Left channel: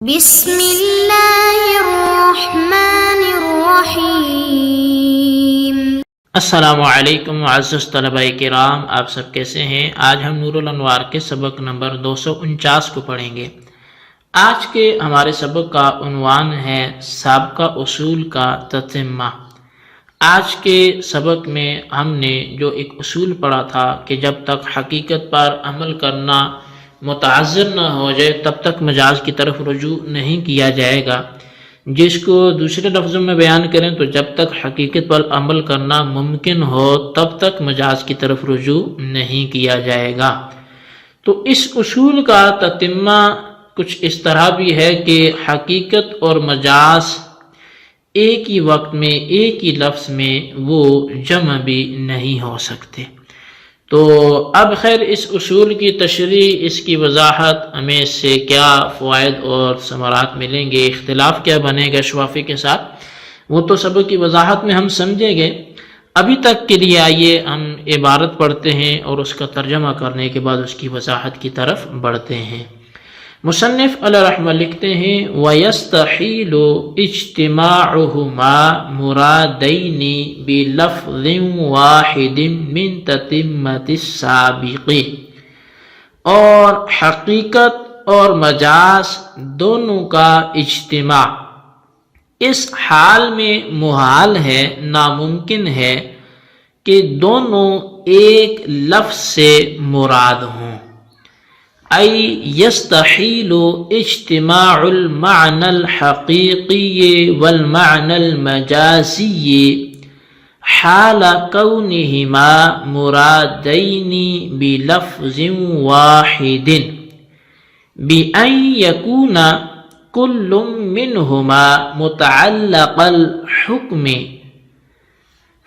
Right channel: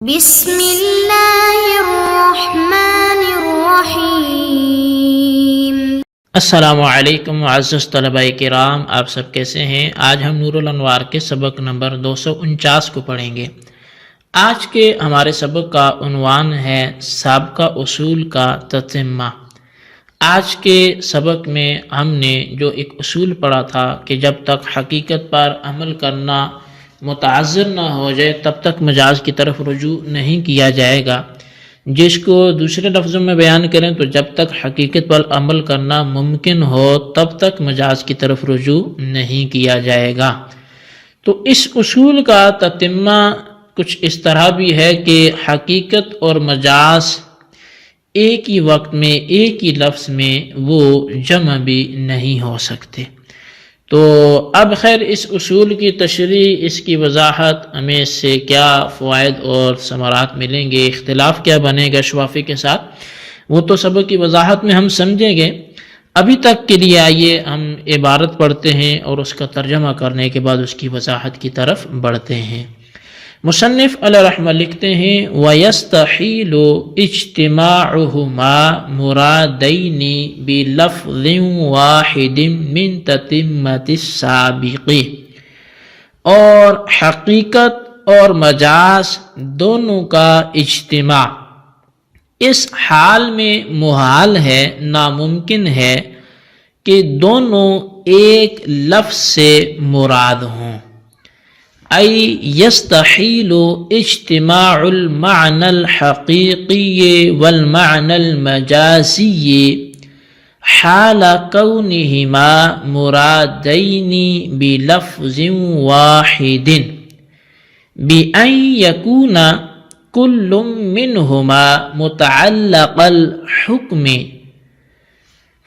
بسم اللہ الرحمن الرحیم۔ السلام علیکم معزز طلباء کرام، آپ سب کیسے ہیں؟ آج ہم نور الانوار کے سبق نمبر 249 کو پڑھیں گے۔ آج کے ہمارے سبق کا عنوان ہے سابقہ اصول کا تتمہ۔ آج کے سبق میں ہم نے جو ایک اصول پڑھا تھا کہ جب تک حقیقت پر عمل کرنا متعذر نہ ہو جائے تب تک مجاز کی طرف رجوع نہیں کیا جائے گا، جس کو دوسرے لفظوں میں بیان کریں تو جب تک حقیقت پر عمل کرنا ممکن ہو تب تک مجاز کی طرف رجوع نہیں کیا جائے گا۔ تو اس اصول کا تتمہ کچھ اس طرح بھی ہے کہ حقیقت اور مجاز ایک ہی وقت میں ایک ہی لفظ میں وہ جمع بھی نہیں ہو سکتے۔ تو اب خیر اس اصول کی تشریح، اس کی وضاحت، ہمیں اس سے کیا فوائد اور ثمرات ملیں گے، اختلاف کیا بنے گا شوافی کے ساتھ، وہ تو سبق کی وضاحت میں ہم سمجھیں گے۔ ابھی تک کے لیے آئیے ہم عبارت پڑھتے ہیں اور اس کا ترجمہ کرنے کے بعد اس کی وضاحت کی طرف بڑھتے ہیں۔ مصنف علیہ رحمہ لکھتے ہیں وَيَسْتَحِيلُ اجْتِمَاعُهُمَا مُرَادَيْنِ بِلَفْظٍ وَاحِدٍ مِّن تَتِمَّةِ السَّابِقِ، اور حقیقت اور مجاز دونوں کا اجتماع اس حال میں محال ہے، ناممکن ہے کہ دونوں ایک لفظ سے مراد ہوں۔ ای یستحیل اجتماع المعنى الحقیقی والمعنى المجازی حال کونہما مرادین بلفظ واحد بأن یکون کل منہما متعلق الحکم۔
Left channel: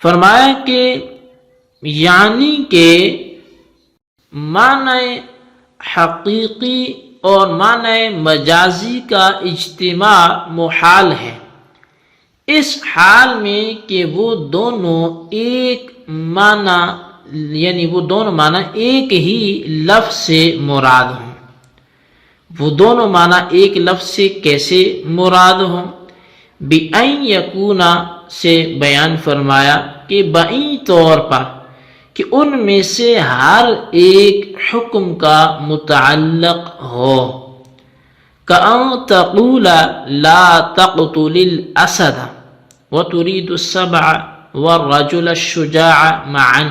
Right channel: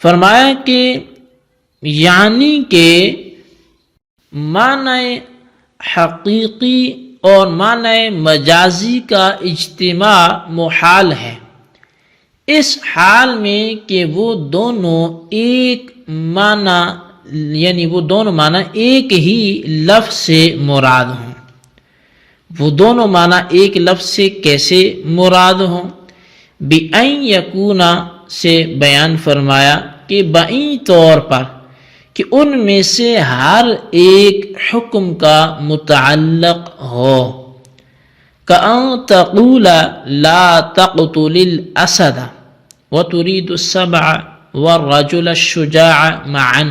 فرمایا کہ یعنی کہ معنی حقیقی اور معنی مجازی کا اجتماع محال ہے اس حال میں کہ وہ دونوں ایک معنی، یعنی وہ دونوں معنی ایک ہی لفظ سے مراد ہوں۔ وہ دونوں معنی ایک لفظ سے کیسے مراد ہوں؟ بِأَن یکونا سے بیان فرمایا کہ بائیں طور پر کہ ان میں سے ہر ایک حکم کا متعلق ہو۔ کأن تقول لا تقتل الاسد وتريد السبع والرجل الشجاع معا،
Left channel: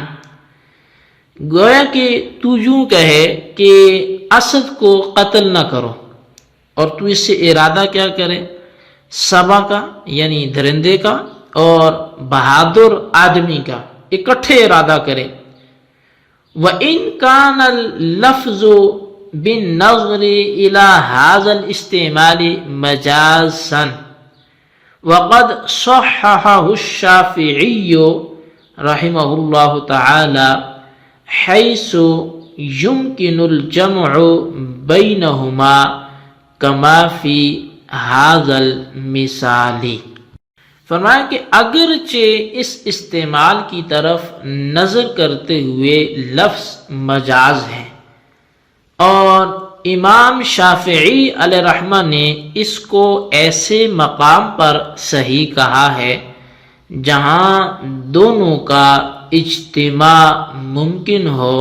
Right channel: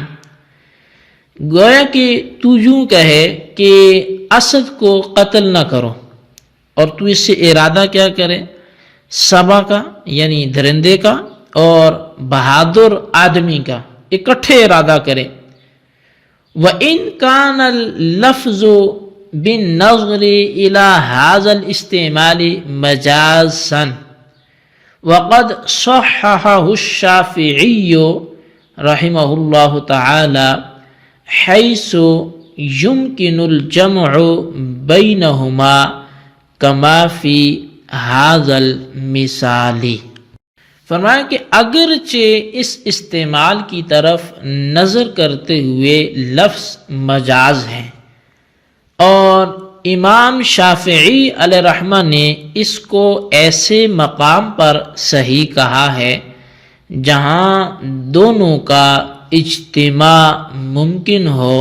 گویا کہ تو یوں کہے کہ اسد کو قتل نہ کرو اور تو اس سے ارادہ کیا کرے؟ سبع کا یعنی درندے کا اور بہادر آدمی کا اکٹھے ارادہ کرے۔ وَإِن كَانَ اللَّفْظُ بِالنَّظْرِ إِلَى هَذَا الْإِسْتِعْمَالِ مَجَازًا وَقَدْ صَحَّحَهُ الشَّافِعِيُّ رحمه الله تعالى حيث يمكن الجمع بينهما كما في هذا المثال۔ فرمایا کہ اگرچہ اس استعمال کی طرف نظر کرتے ہوئے لفظ مجاز ہے، اور امام شافعی علیہ رحمہ نے اس کو ایسے مقام پر صحیح کہا ہے جہاں دونوں کا اجتماع ممکن ہو،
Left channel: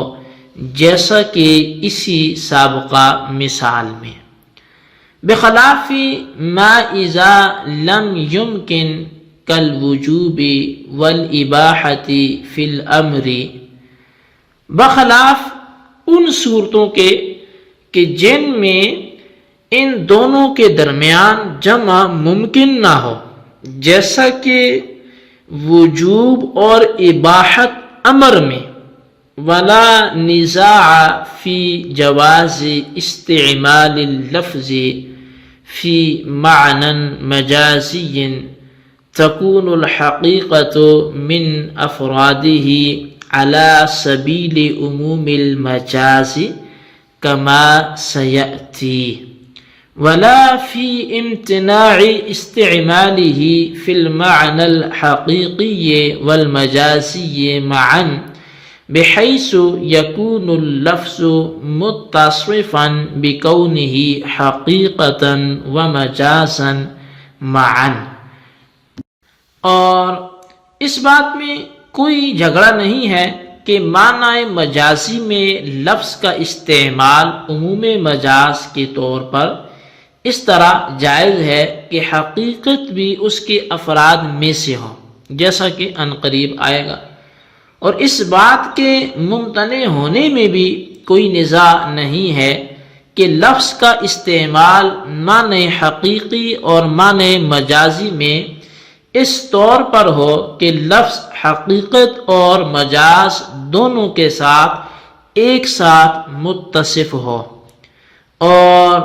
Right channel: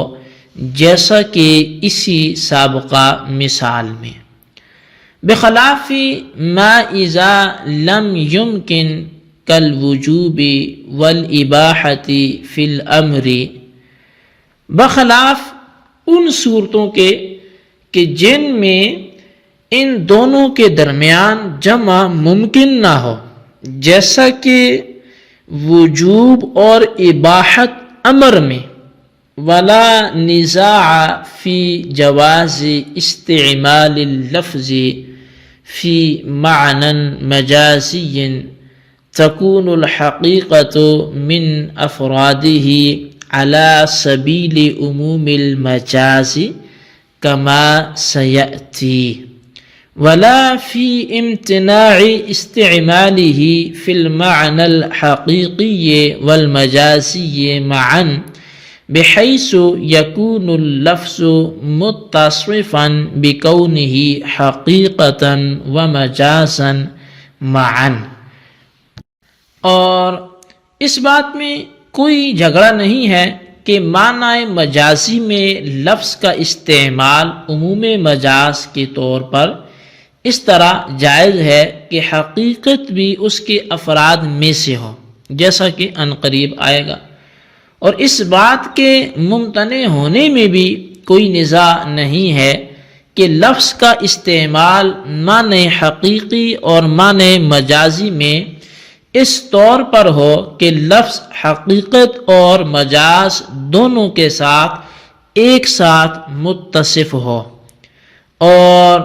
جیسا کہ اسی سابقہ مثال میں۔ بخلاف ما اذا لم يمكن کالوجوب والاباحۃ فی الامر، بخلاف ان صورتوں کے کہ جن میں ان دونوں کے درمیان جمع ممکن نہ ہو، جیسا کہ وجوب اور اباحت امر میں۔ ولا نزاع فی جواز استعمال اللفظ فی معنى مجازی تكون الحقیقة من افراده على سبیل عموم المجاز كما سيأتي، ولا في امتناع استعماله في المعنى الحقيقي والمجازي معا بحيث يكون اللفظ متصفا بكونه حقيقة ومجازا معا. اور اس بات میں کوئی جھگڑا نہیں ہے کہ معنی مجازی میں لفظ کا استعمال عموم مجاز کے طور پر اس طرح جائز ہے کہ حقیقت بھی اس کے افراد میں سے ہو، جیسا کہ عنقریب آئے گا. اور اس بات کے ممتنع ہونے میں بھی کوئی نزاع نہیں ہے کہ لفظ کا استعمال معنی حقیقی اور معنی مجازی میں اس طور پر ہو کہ لفظ حقیقت اور مجاز دونوں کے ساتھ ایک ساتھ متصف ہو. اور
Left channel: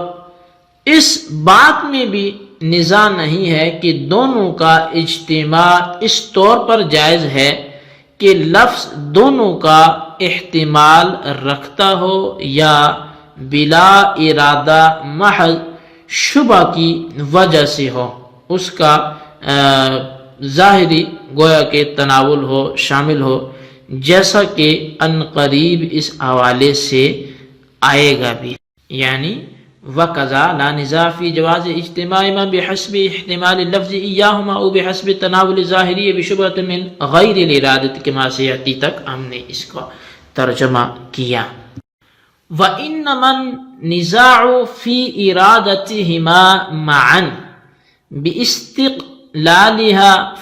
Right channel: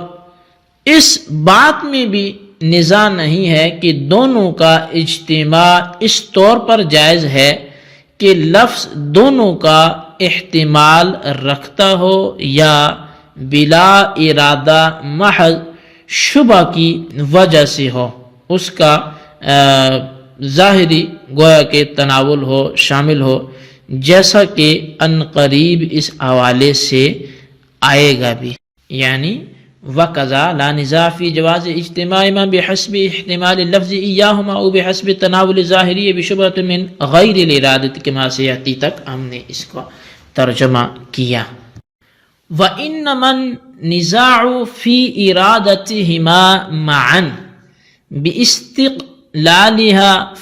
اس بات میں بھی نزاع نہیں ہے کہ دونوں کا اجتماع اس طور پر جائز ہے کہ لفظ دونوں کا احتمال رکھتا ہو یا بلا ارادہ محض شبہ کی وجہ سے ہو، اس کا ظاہری گویا کہ تناول ہو، شامل ہو، جیسا کہ عنقریب اس حوالے سے آئے گا بھی. یعنی وَقَذَا لَا نِزَاعَ فِي جَوَازِ اجْتِمَاعِ مَا بِحَسْبِ احتمال اللفظ إِيَّاهُمَا أَوْ بِحَسْبِ التَّنَاوُلِ الظَّاهِرِيِّ بِشُبْهَةٍ مِّن غَيْرِ الْإِرَادَةِ كَمَا سَيَأْتِي تک ہم نے اس کا ترجمہ کیا. وَإِنَّمَا النِّزَاعُ فِي إِرَادَتِهِمَا مَعًا بِاسْتِقْلَالِهَا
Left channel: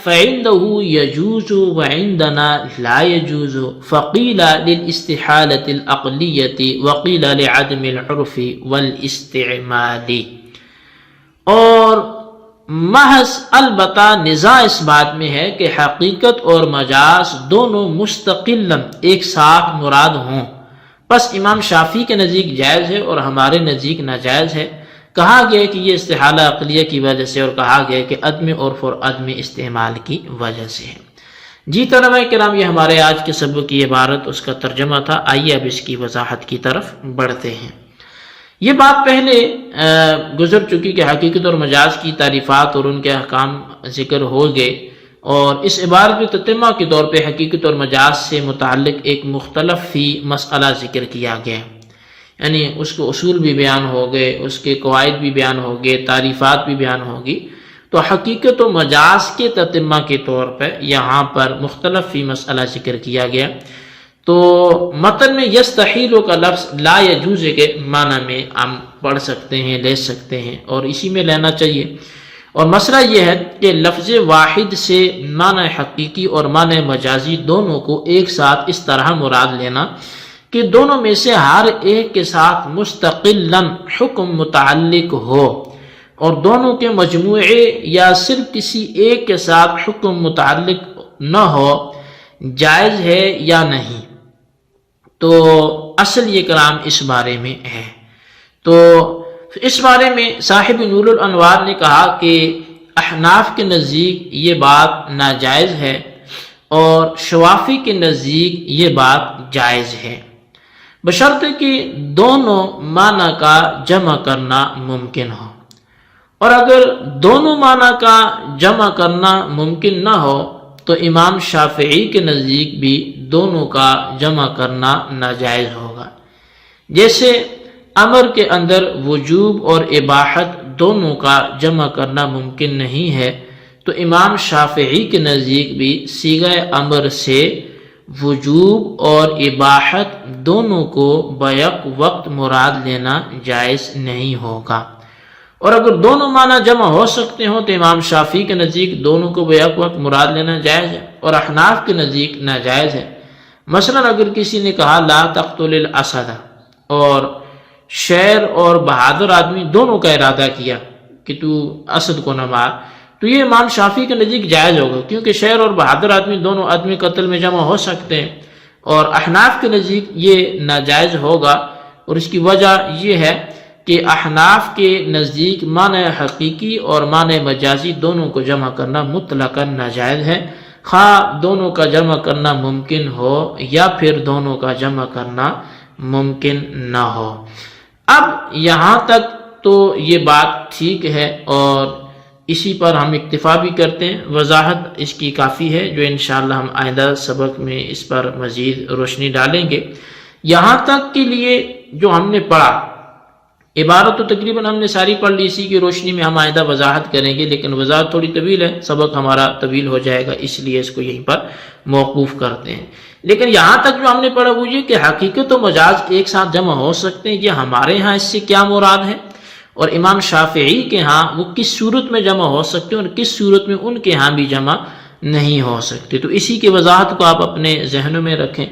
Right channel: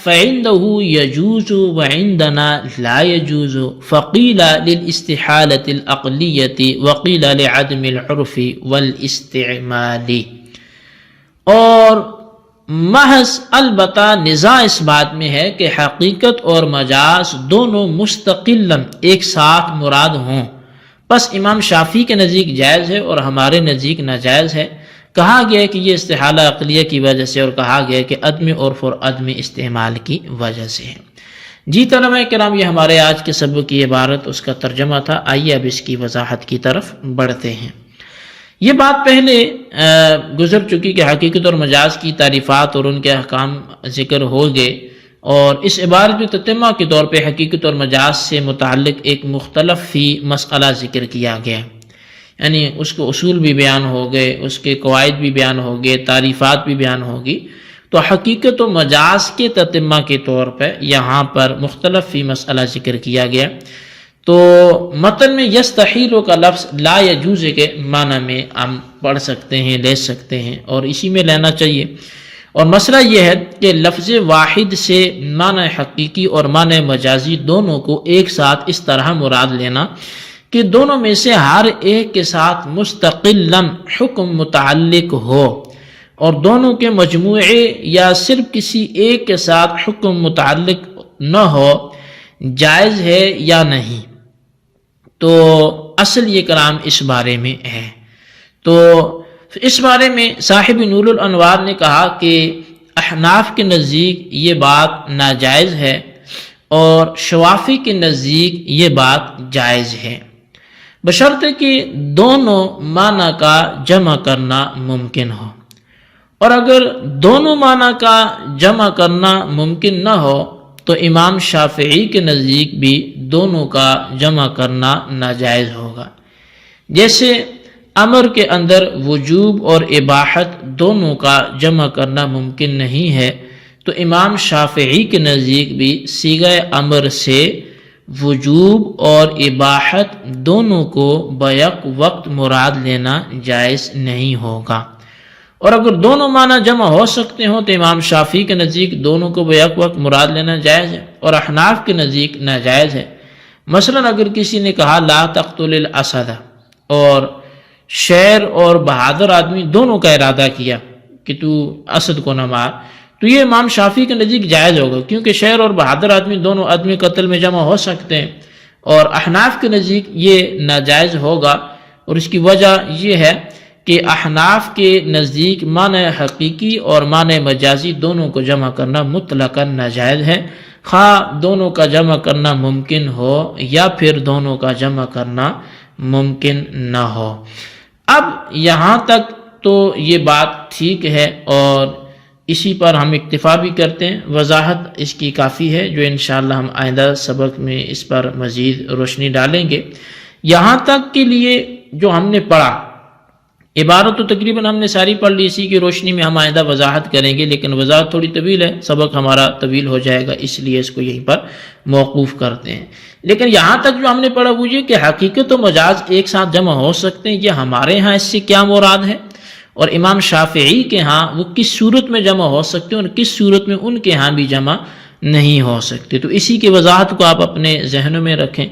فَعِنْدَهُ يَجُوزُ وَعِنْدَنَا لَا يَجُوزُ فَقِيلَ لِلْإِسْتِحَالَةِ الْعَقْلِيَّةِ وَقِيلَ لِعَدْمِ الْعُرْفِ وَالْإِسْتِعْمَالِ. اور محض البتہ نزاع اس بات میں ہے کہ حقیقت اور مجاز دونوں مستقلاً ایک ساتھ مراد ہوں. پس امام شافعی کے نزدیک جائز ہے اور ہمارے نزدیک ناجائز ہے. کہا گیا کہ یہ استحالہ عقلیہ کی وجہ سے، اور کہا گیا کہ عدم عرف اور عدم استعمال کی وجہ سے ہے. جی طلبہ کرام، یہ ہمارے آج کے سبق کی عبارت، اس کا ترجمہ تھا. آئیے اب اس کی وضاحت کی طرف بڑھتے ہیں. یہ بات پہلے گزر چکی کہ حقیقت اور مجاز کی تعریفات اور ان کے احکام ذکر ہو گئے، اور اس عبارت میں تتمہ کے طور پہ حقیقت اور مجاز سے متعلق ایک مختلف فی مسئلہ ذکر کیا گیا. یعنی اس کو اصول بھی بیان ہو گئے، اس کے قواعد بھی بیان ہو گئے، تعریفات بھی بیان ہوگی. تو حقیقت و مجاز کے تتمہ کے طور پر یہاں پر مختلف فی مسئلہ ذکر کیا گیا. تو متن میں یستحیل کا لفظ لا یجوز کے معنی میں ہم پڑھ سکتے ہیں، لے سکتے ہیں، اور اسی میں لینا چاہیے. اور مسئلہ یہ ہے کہ لفظ واحد سے معنی حقیقی اور معنی مجازی دونوں کو ایک ساتھ اس طرح مراد لینا کہ دونوں میں سے ہر ایک کے ساتھ مستقلاً حکم متعلق ہو، اور دونوں کے مجموعے یا صرف کسی ایک کے ساتھ حکم متعلق نہ ہو، جائز ہے یا نہیں. تو اصل یہ کلام اس بارے میں ہے. تو اس بارے میں صاحب نور الانوار نے کہا کہ احناف کے نزدیک یہ بات ناجائز ہے اور شوافی کے نزدیک یہ بات جائز ہے، بشرطے کہ دونوں معنی کا جمع کرنا ممکن ہو. اور اگر دونوں معنی کا جمع کرنا ممکن نہ ہو تو امام شافعی کے نزدیک بھی دونوں کا جمع کرنا ناجائز ہوگا. جیسے امر کے اندر وجوب اور اباحت دونوں کا جمع کرنا ممکن نہیں ہے، تو امام شافعی کے نزدیک بھی صیغہ امر سے وجوب اور اباحت دونوں کو بیک وقت مراد لینا جائز نہیں ہوگا. اور اگر دونوں معنی جمع ہو سکتے ہوں تو امام شافعی کے نزدیک دونوں کو بیک وقت مراد لینا جائز ہے، اور احناف کے نزدیک ناجائز ہے. مثلا اگر کسی نے کہا لا تقتل الاسد، اور شیر اور بہادر آدمی دونوں کا ارادہ کیا کہ تو اسد کو نہ مار، تو یہ امام شافعی کے نزدیک جائز ہوگا، کیونکہ شیر اور بہادر آدمی دونوں آدمی قتل میں جمع ہو سکتے ہیں. اور احناف کے نزدیک یہ ناجائز ہوگا، اور اس کی وجہ یہ ہے کہ احناف کے نزدیک معنی حقیقی اور معنی مجازی دونوں کو جمع کرنا مطلقاً ناجائز ہے، خواہ دونوں کا جمع کرنا ممکن ہو یا پھر دونوں کا جمع کرنا ممکن نہ ہو. اب یہاں تک تو یہ بات ٹھیک ہے، اور اسی پر ہم اکتفا بھی کرتے ہیں، وضاحت اس کی کافی ہے جو انشاءاللہ ہم آئندہ سبق میں اس پر مزید روشنی ڈالیں گے۔ یہاں تک کے لیے جو ہم نے پڑھا، عبارت تو تقریباً ہم نے ساری پڑھ لی، اسی کی روشنی میں ہم آئندہ وضاحت کریں گے، لیکن وضاحت تھوڑی طویل ہے، سبق ہمارا طویل ہو جائے گا، اس لیے اس کو یہیں پر موقوف کرتے ہیں۔ لیکن یہاں تک جو ہم نے پڑھا وہ یہ کہ حقیقت و مجاز ایک ساتھ جمع ہو سکتے ہیں، یہ ہمارے ہاں اس سے کیا مراد ہے، اور امام شافعی کے ہاں وہ کس صورت میں جمع ہو سکتے ہیں اور کس صورت میں ان کے ہاں بھی جمع نہیں ہو سکتے۔ تو اسی کی وضاحت کو آپ اپنے ذہنوں میں رکھیں،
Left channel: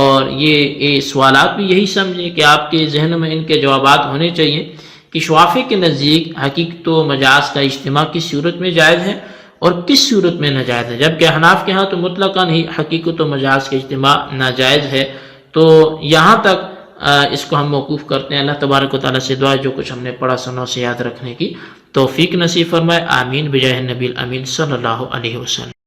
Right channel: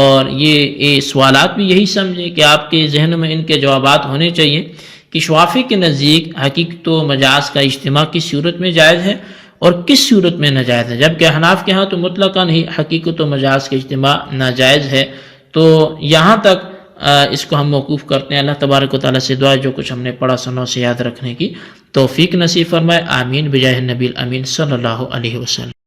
اور یہ سوالات بھی یہی سمجھیں کہ آپ کے ذہنوں میں ان کے جوابات ہونے چاہیے کہ شافعی کے نزدیک حقیقت و مجاز کا اجتماع کس صورت میں جائز ہے اور کس صورت میں ناجائز ہے، جبکہ احناف کے ہاں تو مطلقاً ہی حقیقت و مجاز کا اجتماع ناجائز ہے۔ تو یہاں تک اس کو ہم موقوف کرتے ہیں۔ اللہ تبارک و تعالیٰ سے دعا جو کچھ ہم نے پڑھا سنا اسے یاد رکھنے کی توفیق نصیب فرمائے، آمین بجاہ نبی الامین صلی اللہ علیہ وسلم۔